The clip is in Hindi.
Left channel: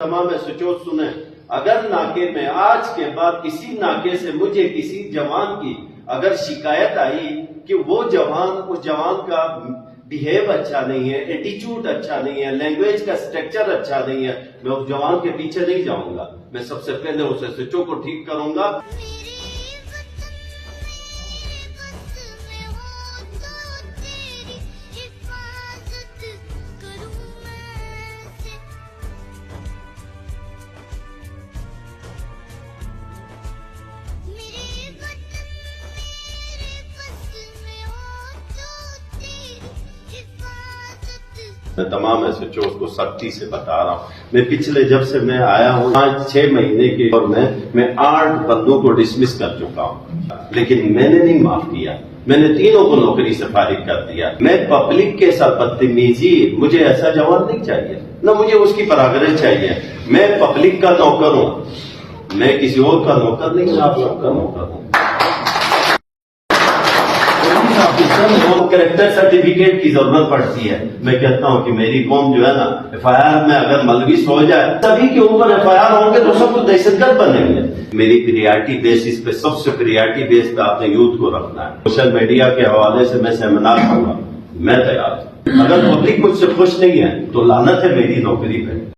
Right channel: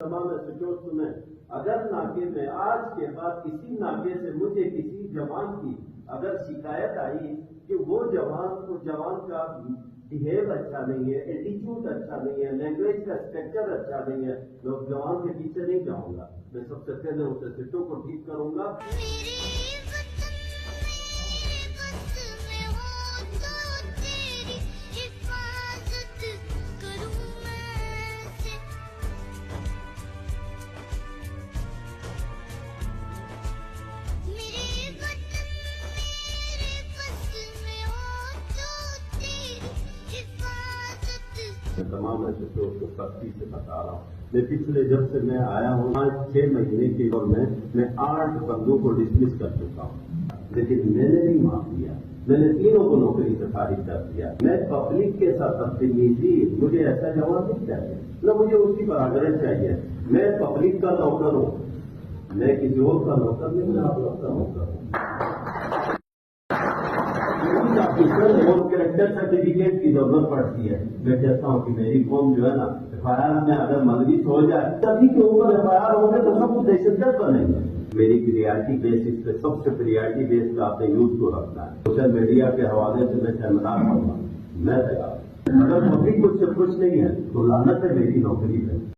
तमाम सोचो सुने, अगर नाके में आज के बाद किसी नाके से मुझे किसी जवान की अगर शिकायत आई कि वो जवान उस जवान का बिहेव अच्छा नहीं है, एटीट्यूड अच्छा नहीं है, लैंग्वेज का स्ट्रक्चर अच्छा नहीं है, मैं उस जवान के पीछे नहीं जाऊंगा। मैं सबसे पहले उसे सोचो को ठीक करूंगा। मैं तमाम ऐसे चोट को सख्ती से बता रहा हूँ। मैं पिछले जब से मैं आया हूँ 5-6 महीने के और मैं 8 बंदों को डिसमिस कर चुका हूँ, लेकिन मैंने नहीं माफ किया। मैंने तीनों को नौकरी से फारिग कर दिया। मैं पब्लिक के साथ बदतमीजी, मुझे ऐसा जवान नहीं चाहिए, न मुझे उसकी परागरज चाहिए। मैं पब्लिक का नौकर हूँ, मैं किसी और का नौकर नहीं, मैं आप सबका नौकर हूँ। कैरेक्टर सर्टिफिकेट की जरूरत पड़ती है। मैं कहता हूं कि मेरी कौम जो है ना, FIR में अगर मलविस हो जाए, सभी के ऊपर FIR होंगे तो सब कुछ दहशतगर्द बनेंगे। मेरी प्रियरिटी बेसिस पे, सबसे प्रियरिटी बेस पे आपने यूथ को रखना है। सोशल मीडिया के हवाले से मैं सेमिनार करूंगा, मैं तैयार हूं। अगर पब्लिक मुझसे खुश नहीं है तो लानत है मेरी नौकरी पे।